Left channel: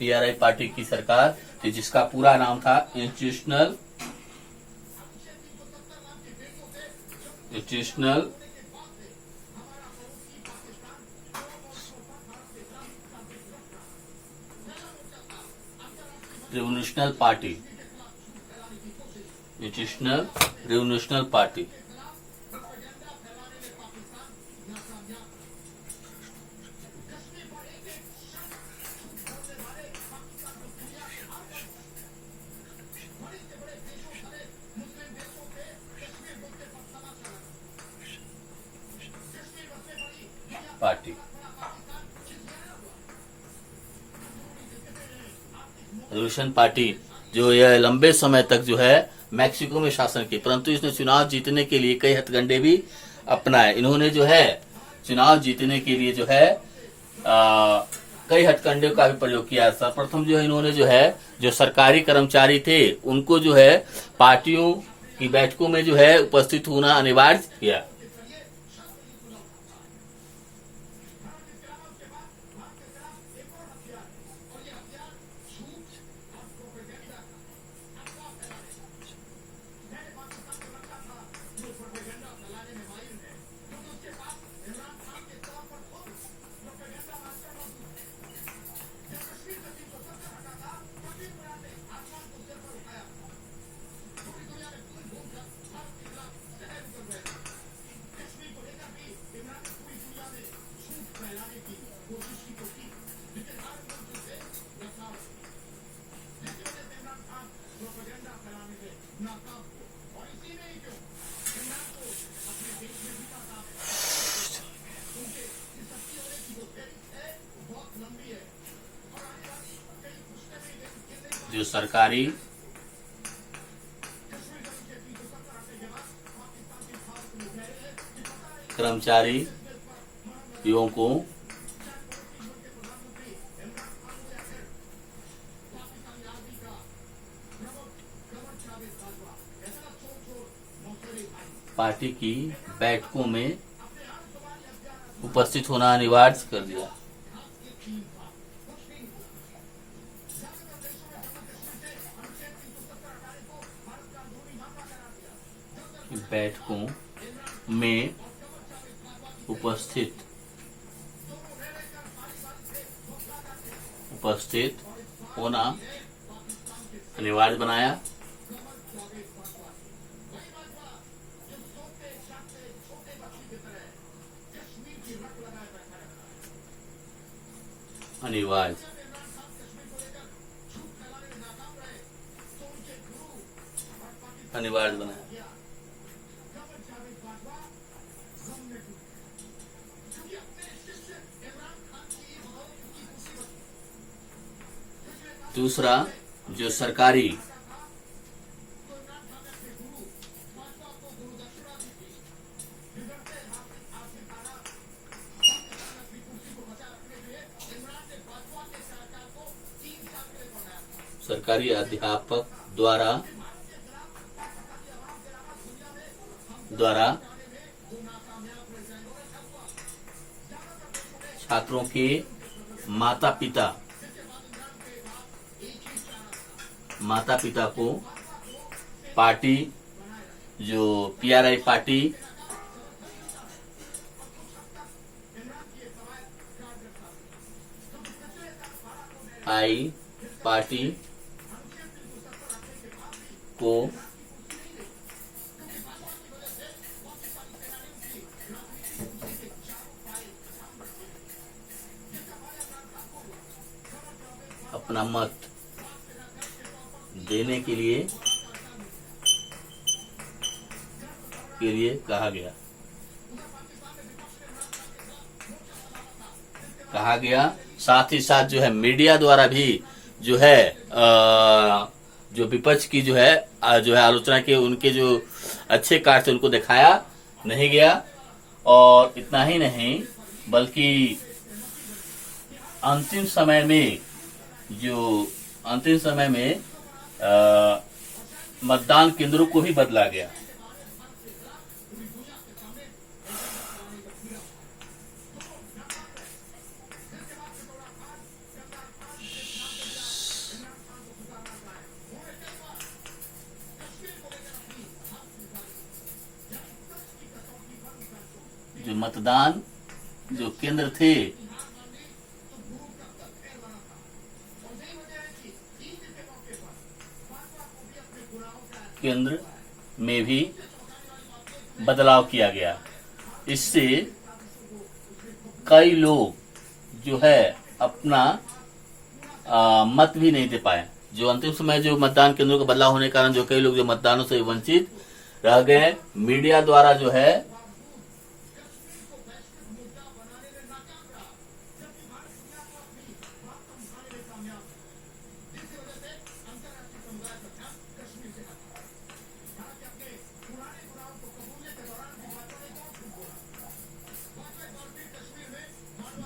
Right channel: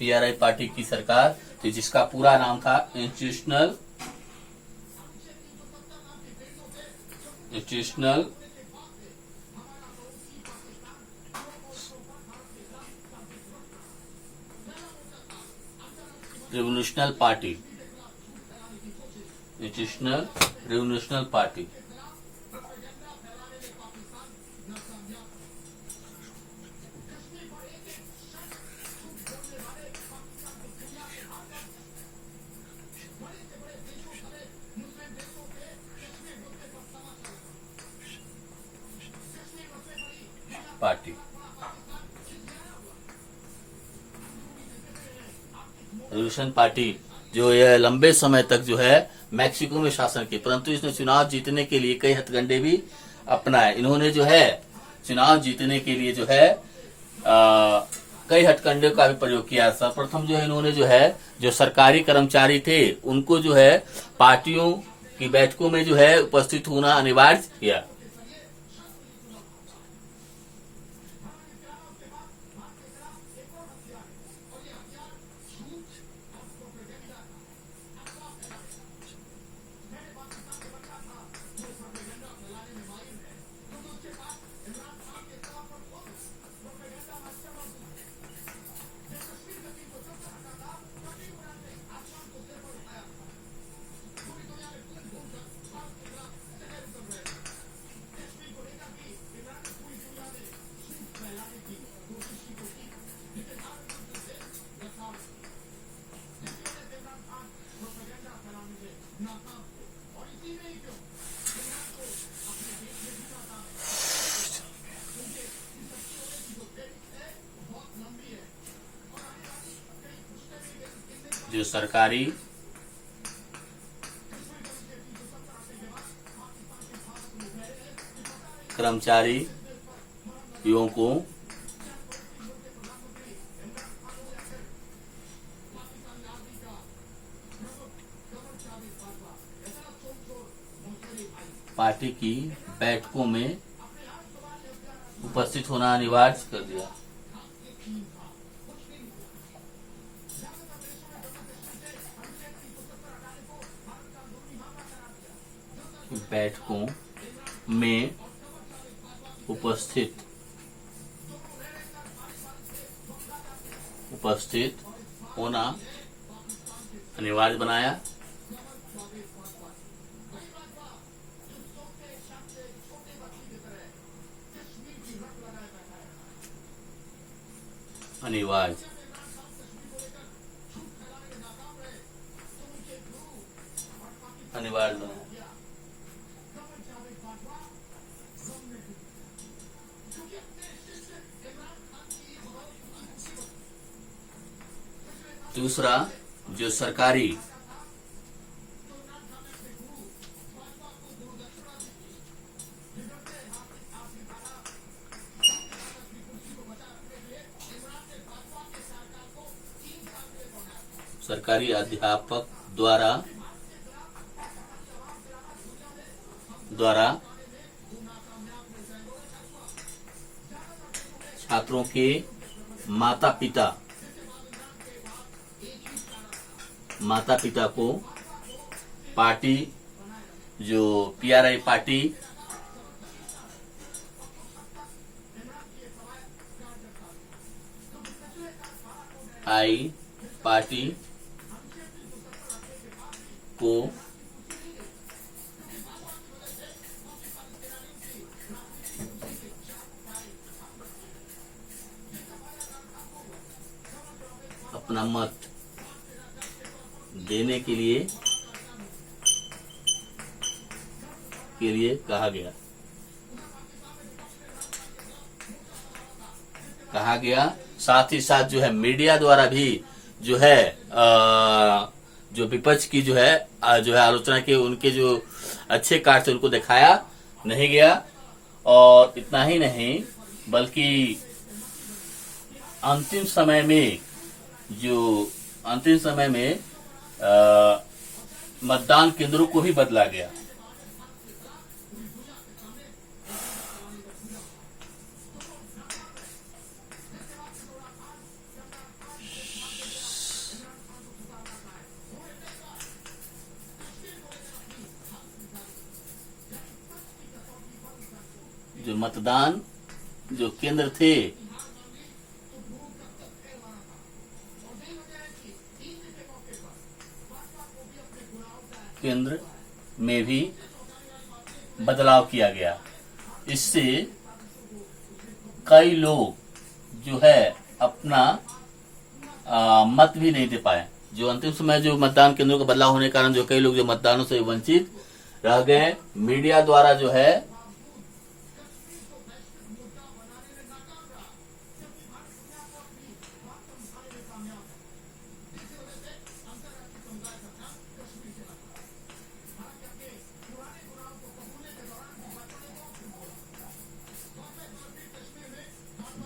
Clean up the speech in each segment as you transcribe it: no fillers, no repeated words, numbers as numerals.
PRI party की सरकार थी, जिसका पूरा नाम था institutional revolutional party, institutional revolutional party. Party revolution party जो यह लंबे समय तक जो है मैक्सिको में शासन की, परंतु इसने चुनाव जीतने के लिए कई हथकंडे भी अपनाए। इन्होंने जो है चुनाव जीतने के लिए जो है कई हथकंडे का भी प्रयोग किया। सर्वप्रथम जो है इन्होंने जो है जो सरकारी कर्मचारी थे उनको जो है पार्टियों की बैठकों में जो है उपस्थित होना अनिवार्य किया। जो सरकारी कर्मचारियों को पार्टी की बैठकों में उपस्थित होना अनिवार्य कर दिया। बैठकों में उपस्थित होना अनिवार्य बनाया। अनिवार्य बनाया। दूसरा जो सरकारी अध्यापक द्वारा छात्रों के माता पिता को पार्टी जो पीआरआई पार्टी को अपना मत देने के लिए कहा गया। साथ ही साथ जो है मीडिया द्वारा भी जो है जो विपक्ष की जो है आलोचना के उनके जो अच्छे कार्य से उनको दिखाया नहीं गया। और इतना ही नहीं बल्कि अंतिम समय में मतदान केंद्रों को भी बदला गया। मतदान जो केंद्र थे केंद्र में भी बदलाव किया गया। इससे कई लोग जो है अपना मत भी नहीं दे पाए। जो अंतिम समय जो मतदान केंद्रों का बदलाव होने के कारण जो कई लोग जो मतदानों से वंचित रह गए, मीडिया द्वारा जो है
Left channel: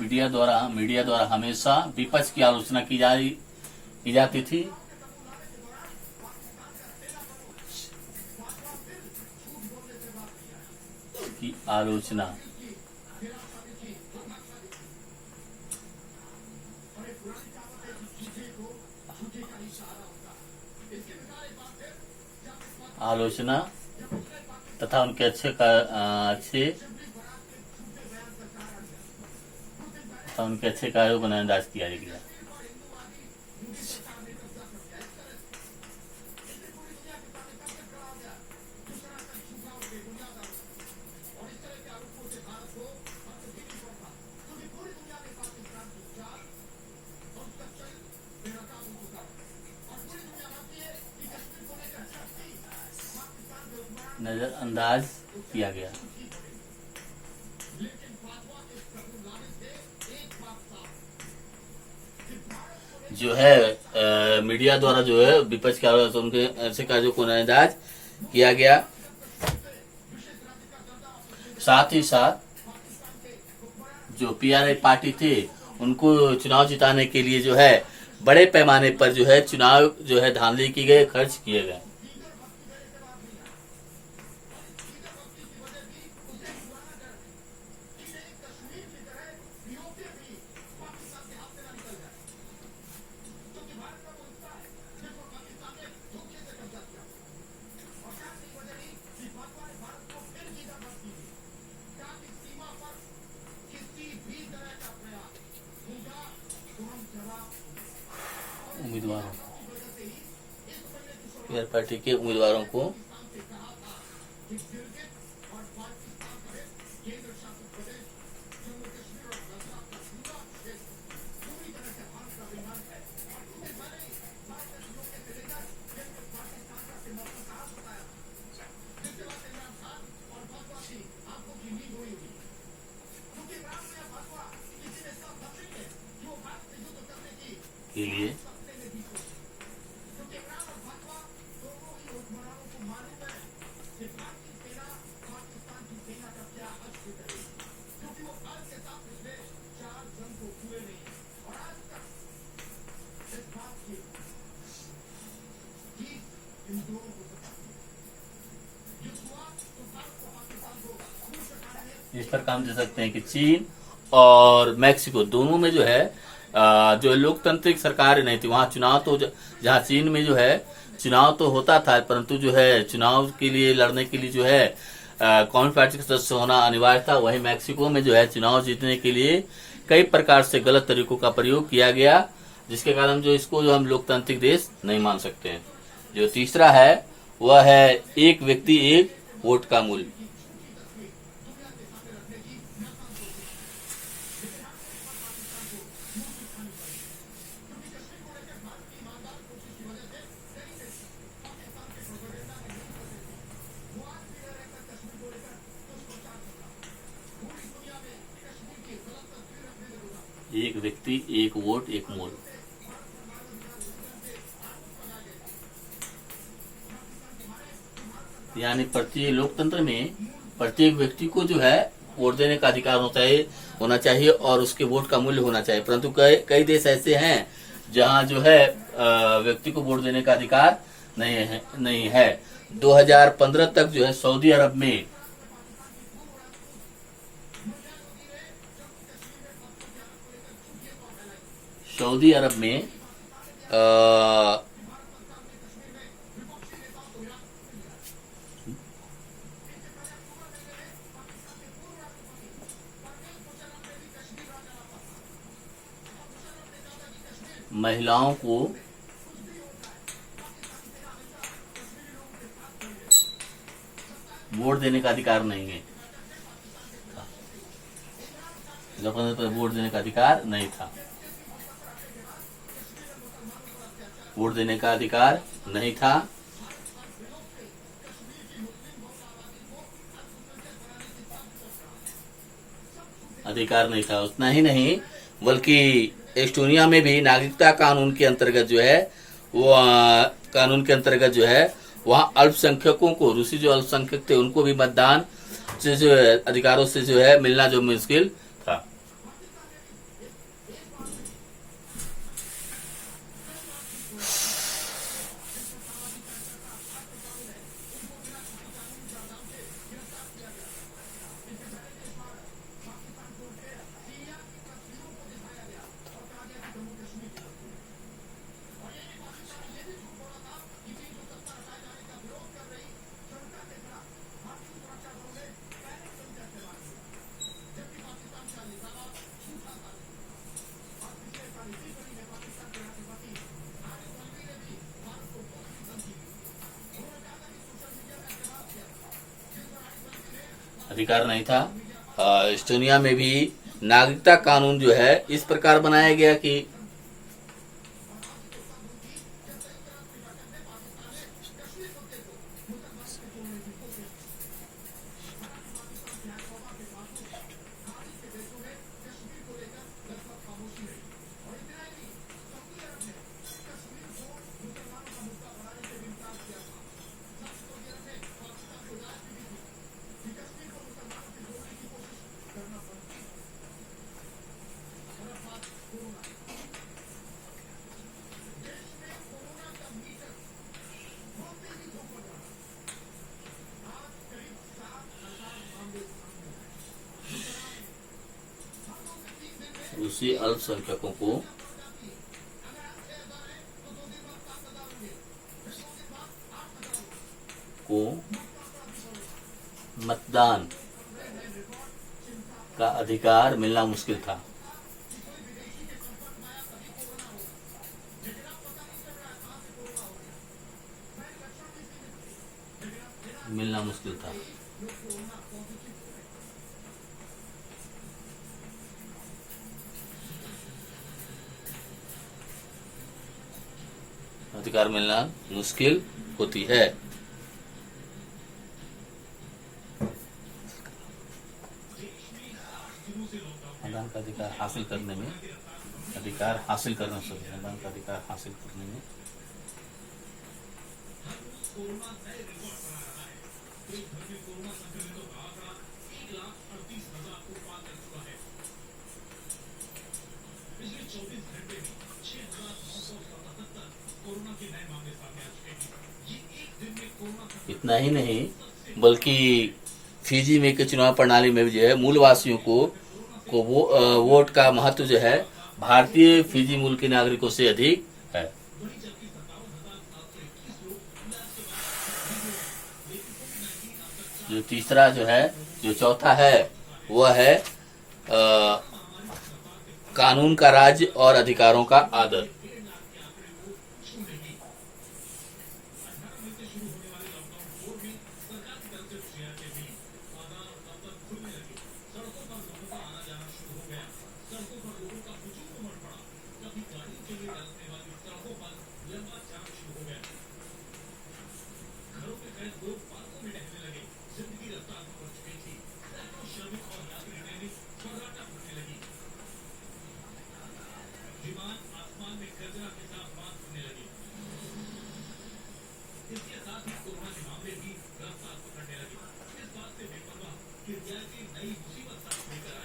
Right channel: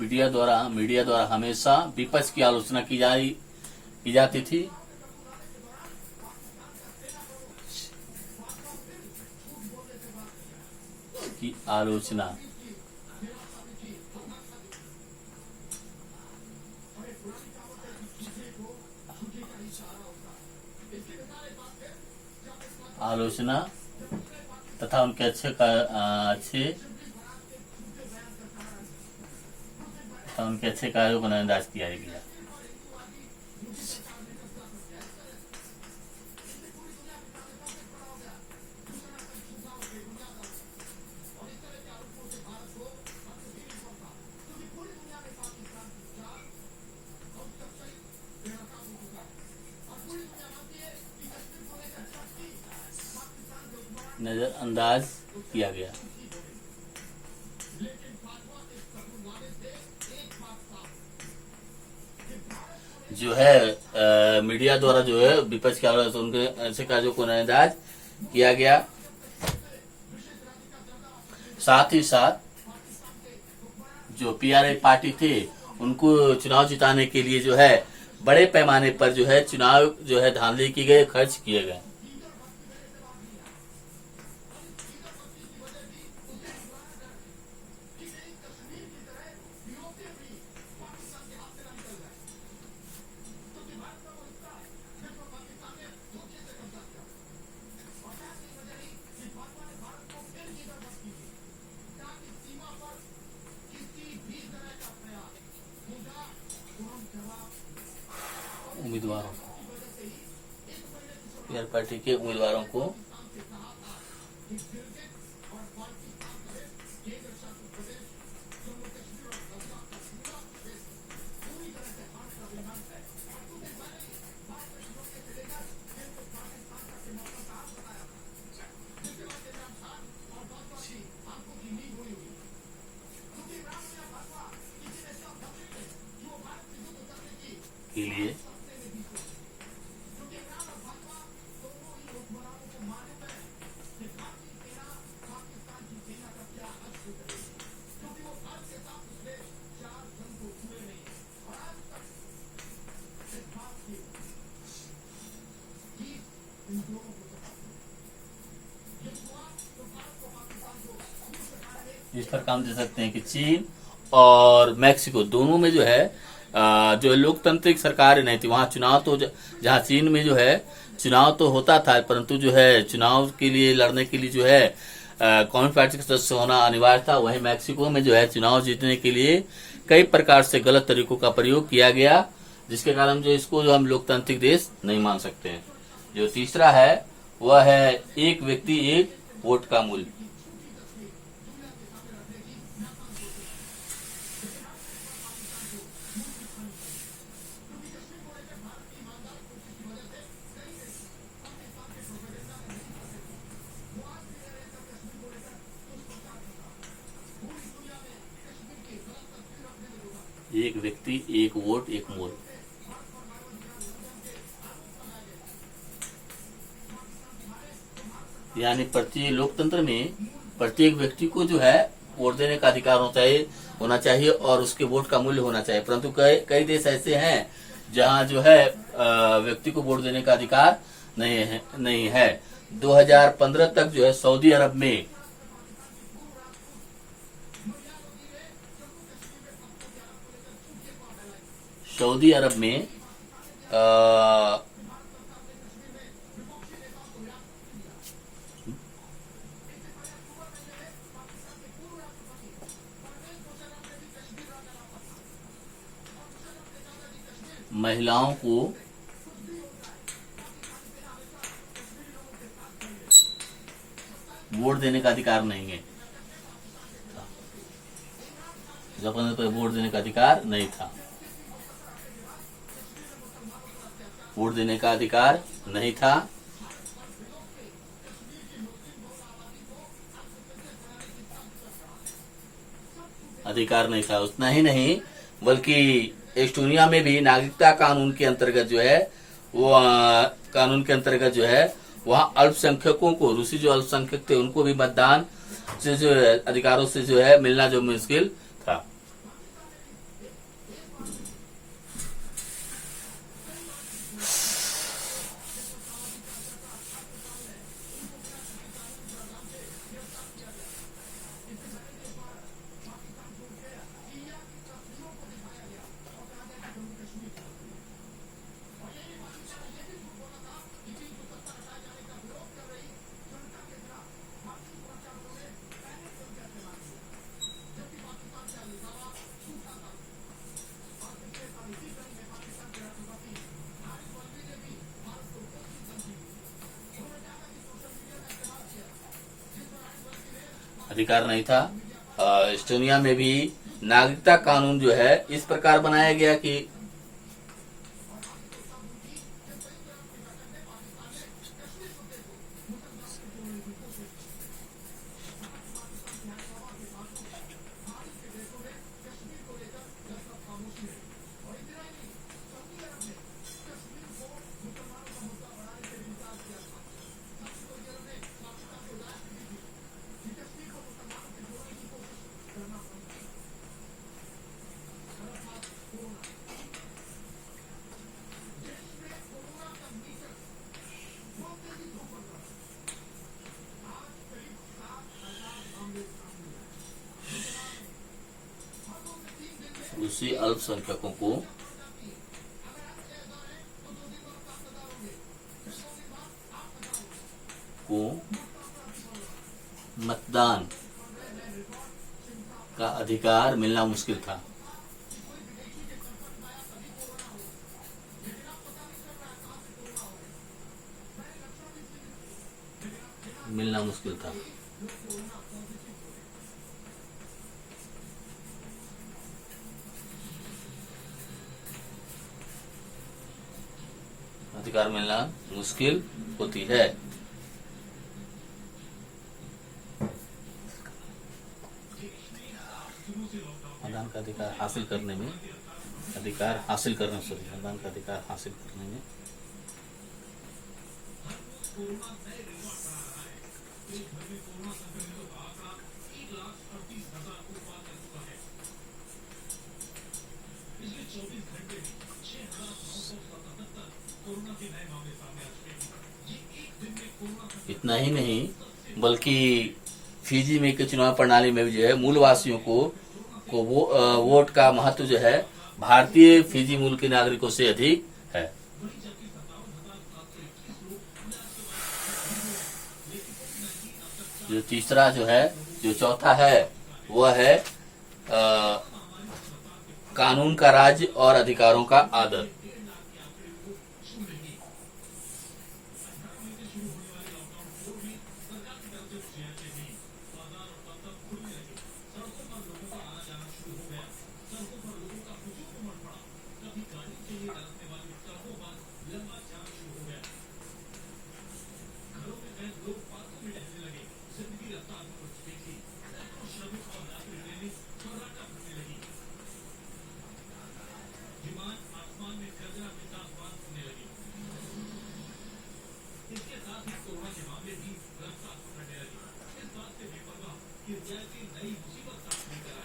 मीडिया द्वारा हमेशा विपक्ष की आलोचना की जाती थी। की आलोचना तथा उनके अच्छे कार्यों का नजरअंदाज किया गया। नजरअंदाज किया गया। जो है मीडिया द्वारा जो है विपक्ष के उनके ऐसे कार्यों को नजरअंदाज किया गया। साथ ही साथ जो पीआरआई पार्टी थे उनको चुनाव जिताने के लिए जो है बड़े पैमाने पर जो है चुनाव जो है धांधली की गई, खर्च किए गए। उम्मीदवारों को, पीआर पार्टी के उम्मीदवारों को के लिए इस पर काम दे सकते हैं कि चीन और मैक्सिको दोनों में जो है जो लोकतांत्रिक सरकार नहीं थी, वहां चुनाव तो जहां चीन में जो है चुनाव तो होता था, परंतु जो है चुनाव के लिए लड़ने के लिए जो है कम्युनिस्ट पार्टी का सदस्य होना अनिवार्य था। वहीं मैक्सिको में जो है चुनाव जीतने के लिए कई प्रकार से गलत तरीकों का प्रयोग किया गया, जिसके कारण जो इसको जो हम लोकतांत्रिक देश नहीं मान सकते हैं। जो तीसरा है वह है एक व्यक्ति एक वोट का मूल्य। एक व्यक्ति एक वोट एक मूल्य। यानी प्रत्येक लोकतंत्र में प्रत्येक व्यक्ति को जो है वोट देने का अधिकार होना चाहिए और उसके वोट का मूल्य होना चाहिए, परंतु कई देश ऐसे हैं जहां जो है व्यक्ति को वोट देने का अधिकार नहीं है। 2015 तक जो है सऊदी अरब में महिलाओं को वोट देने का अधिकार नहीं है। जापान पर वोट देने का अधिकार नहीं था। वोट देने का अधिकार नहीं था। अधिकार नहीं था। उतना ही नहीं बल्कि एस्टोनिया में भी नागरिकता कानून के अंतर्गत जो है वो कानून के अंतर्गत जो है वहां अल्पसंख्यकों को, रूसी जो अल्पसंख्यक थे उनको भी मतदान से जो है अधिकारों से जो है मिलना जो मुश्किल था। अधिकार नहीं था। एस्टोनिया में भी नागरिकता कानून जो है इस प्रकार बनाया गया कि रूसी अल्पसंख्यकों को मतदान का अधिकार मिलना मुश्किल था। मिलना मुश्किल था। अधिकार मिलना मुश्किल होती है। मतदान का अधिकार हासिल करने में मतदान का अधिकार हासिल करने में इतना ही नहीं बल्कि फिजी में के चुनाव प्रणाली में भी जो है मूलवासियों को वोट का महत्व जो है भारतीय फिजी मूल के नागरिकों से अधिक है। जो तीसरा जो है, जो चौथा है वह है कानून का राज और अधिकारों का आदर।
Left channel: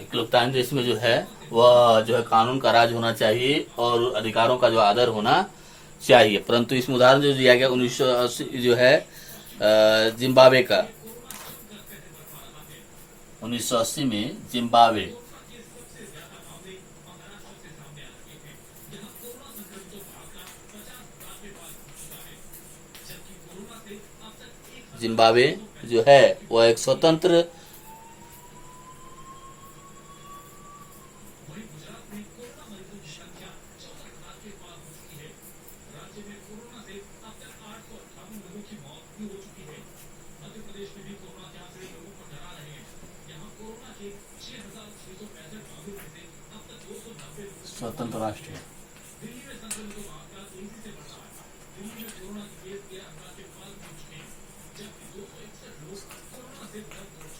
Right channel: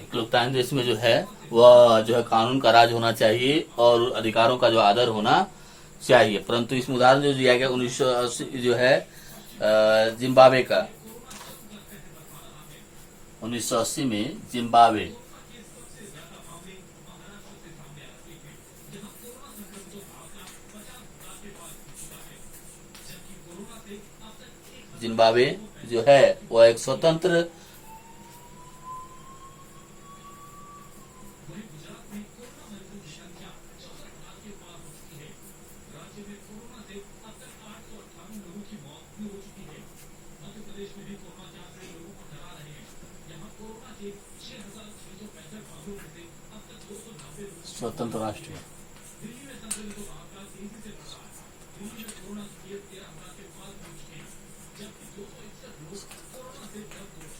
एक लोकतांत्रिक देश में जो है वह जो है कानून का राज होना चाहिए और अधिकारों का जो आदर होना चाहिए। परंतु इसमें उदाहरण जो दिया गया 1980 जो है जिम्बाब्वे का, 1980 में जिम्बाब्वे जो है वह एक स्वतंत्र स्वतंत्र राष्ट्र है।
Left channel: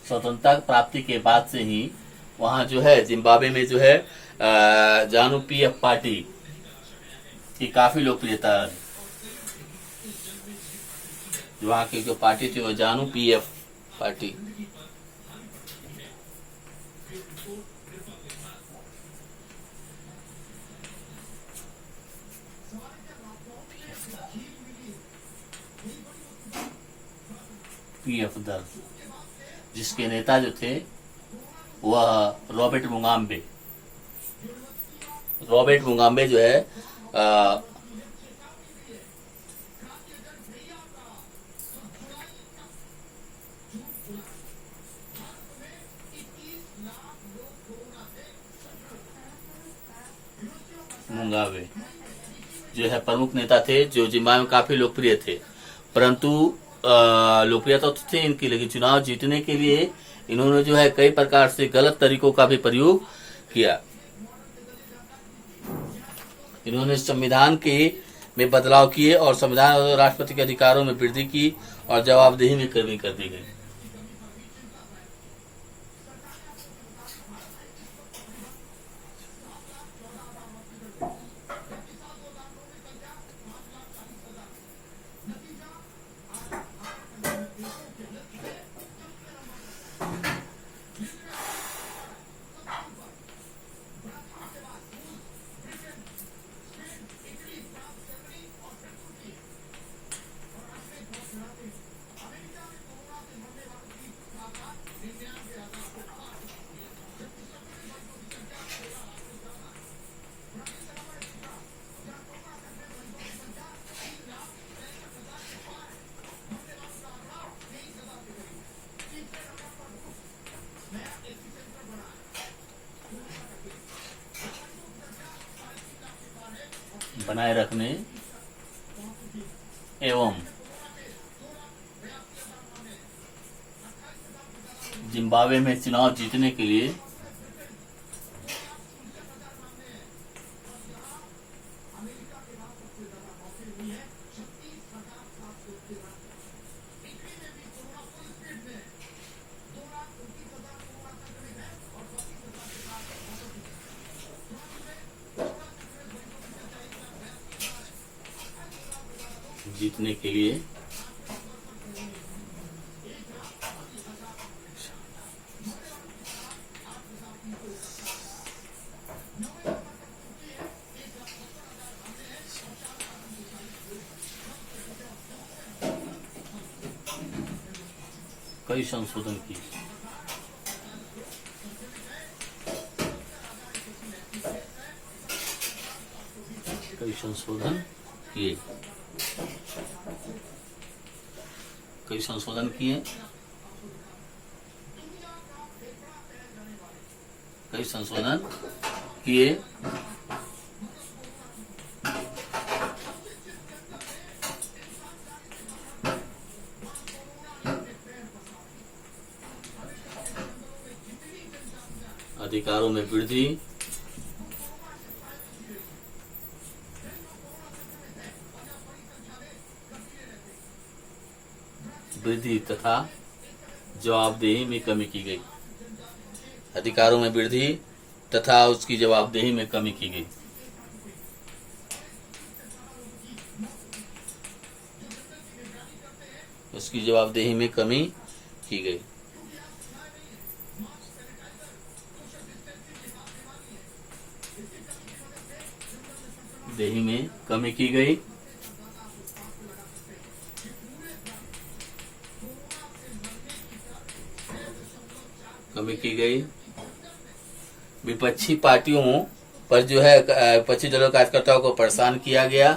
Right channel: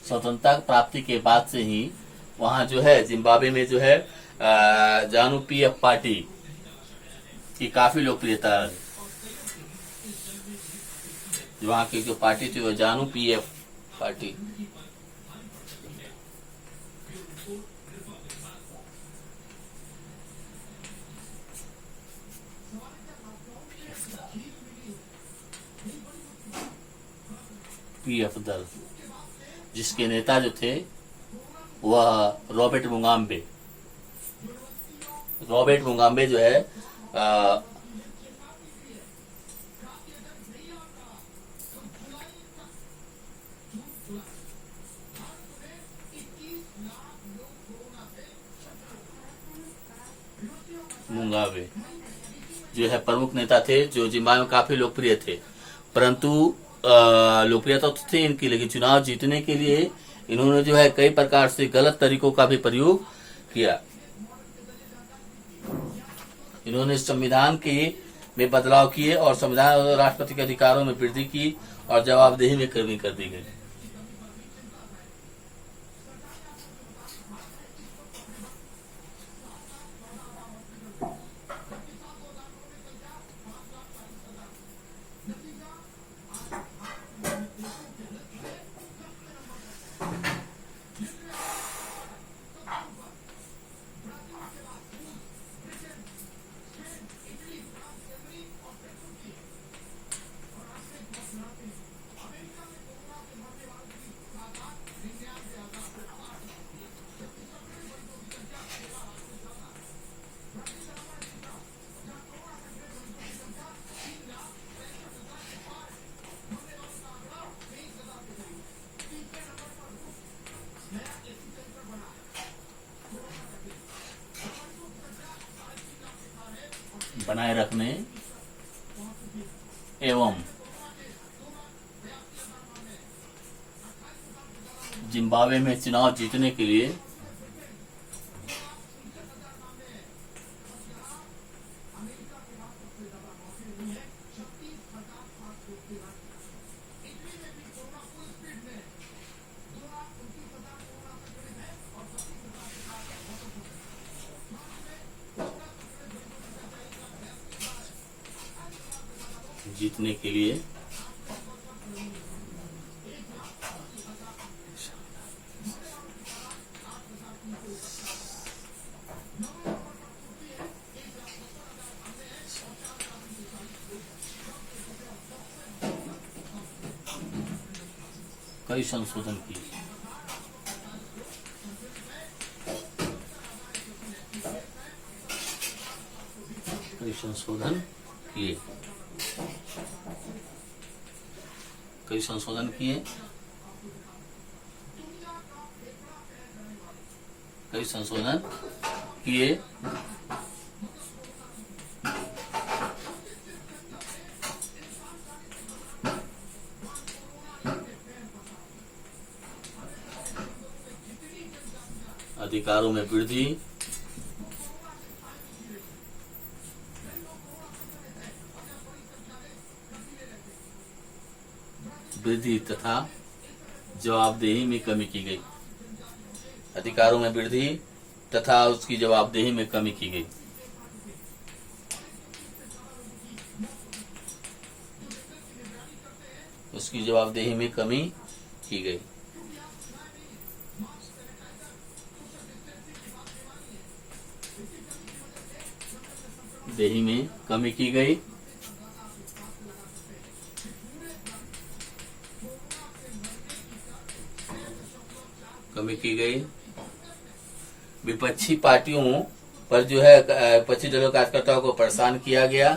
स्वतंत्रता प्राप्ति के बाद से ही वहां जो है जिम्बाब्वे में जो है जानू पीएफ पार्टी की काफी लोकप्रियता है। जो वहां की जो पार्टी थी वो जानू पीएफ पार्टी। पीएफ दल जिसके नेता जो थे वह रॉबर्ट मुगाबे जो है मुगाबे जो है प्रमुख नेता थे, जो जिम्बाब्वे में काफी लोकप्रिय थे। परंतु लोकप्रियता तो थी इनकी, लेकिन चुनाव जीतने के लिए इन्होंने जो है कई प्रकार से गलत तरीकों का भी प्रयोग किया। इन्होंने संविधान के में बदलाव किए और संविधान और राष्ट्रपति के अधिकारों में वृद्धि की और जवाबदेही में कमी कर दी गई। बनाए रखने एवं जिम्बाब्वे में चुनाव जीतने के लिए कई संशोधन किए। कई संशोधन किए। अधिकारों में वृद्धि, तथा जवाबदेही में कमी की गई। अधिकारों में वृद्धि तथा उसकी जवाबदेही में कमी की गई। उसकी जवाबदेही में कमी की गई। देही में कमी की गई। विपक्षी पार्टियों पर जो है विपक्षी दलों कार्यकर्ताओं को परेशान किया गया।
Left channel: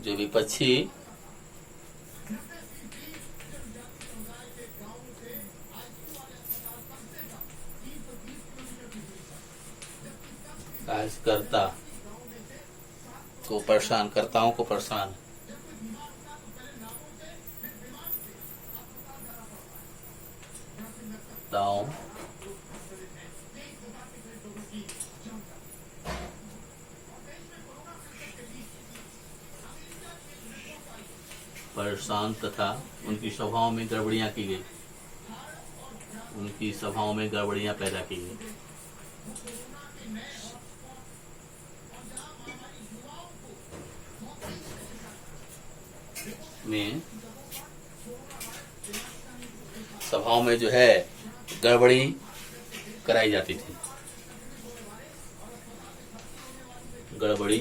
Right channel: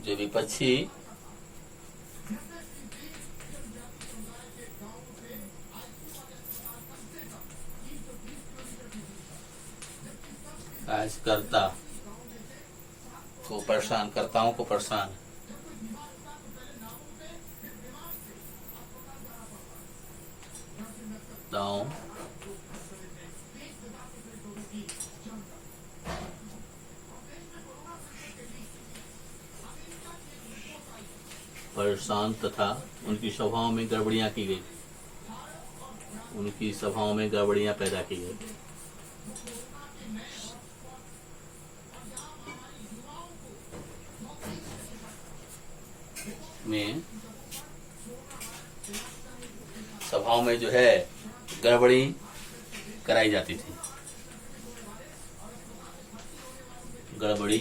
जो विपक्षी कार्यकर्ताओं को परेशान कार्यकर्ताओं परेशान तथा उनकी सभाओं में गड़बड़ियां की गई, उनकी सभाओं में गड़बड़ियां पैदा की गई। में सभाओं में जो है गड़बड़ी कराई जाती थी, गड़बड़ी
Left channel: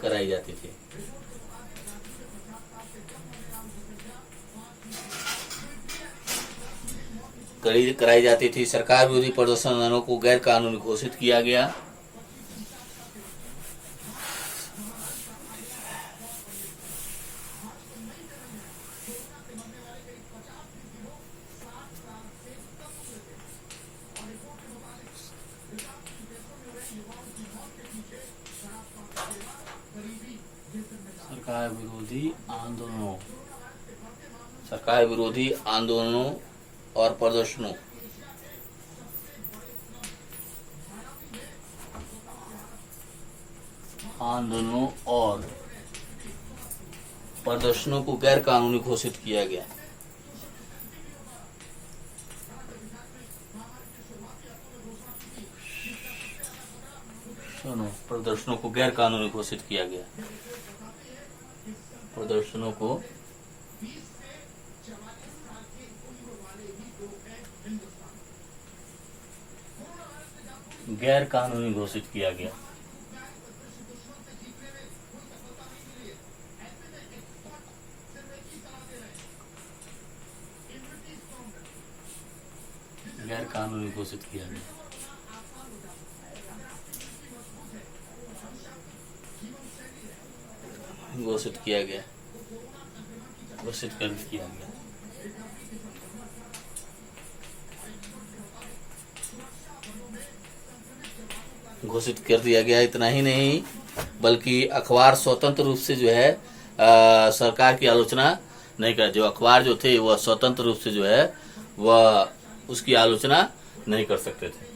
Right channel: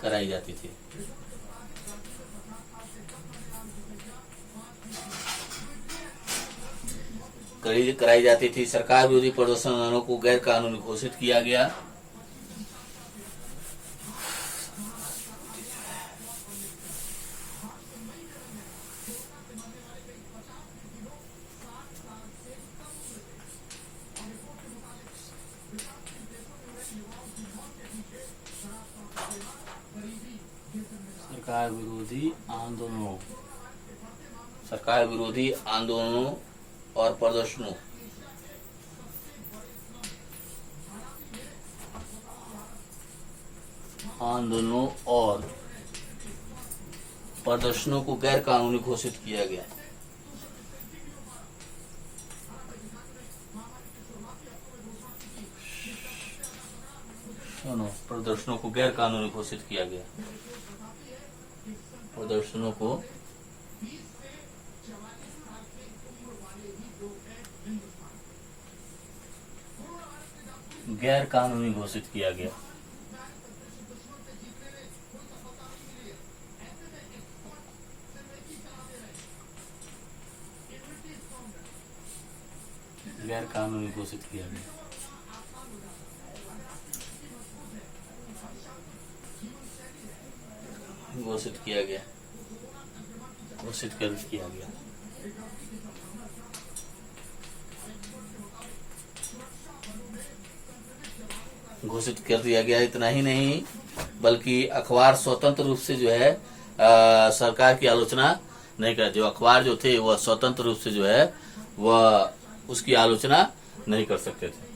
कराई जाती थी। कराई जाती थी। सरकार विरोधी प्रदर्शनों को गैर कानूनी घोषित किया गया। सरकार विरोधी आंदोलनों और प्रदर्शनों को गैर कानूनी घोषित किया गया। प्रदर्शनों को गैर कानूनी घोषित किया गया। प्रदर्शनों को गैर कानूनी घोषित किया गया। गैर कानूनी घोषित किया गया। घोषित किया गया। घोषित कर किया गया। घोषित कर दिया गया। इतना ही नहीं बल्कि अखबार स्वतंत्र रूप से जो है सरकार की आलोचना नहीं कर, जो अखबार जो थे वह स्वतंत्र रूप से जो है वह उसकी आलोचना नहीं कर सकते थे।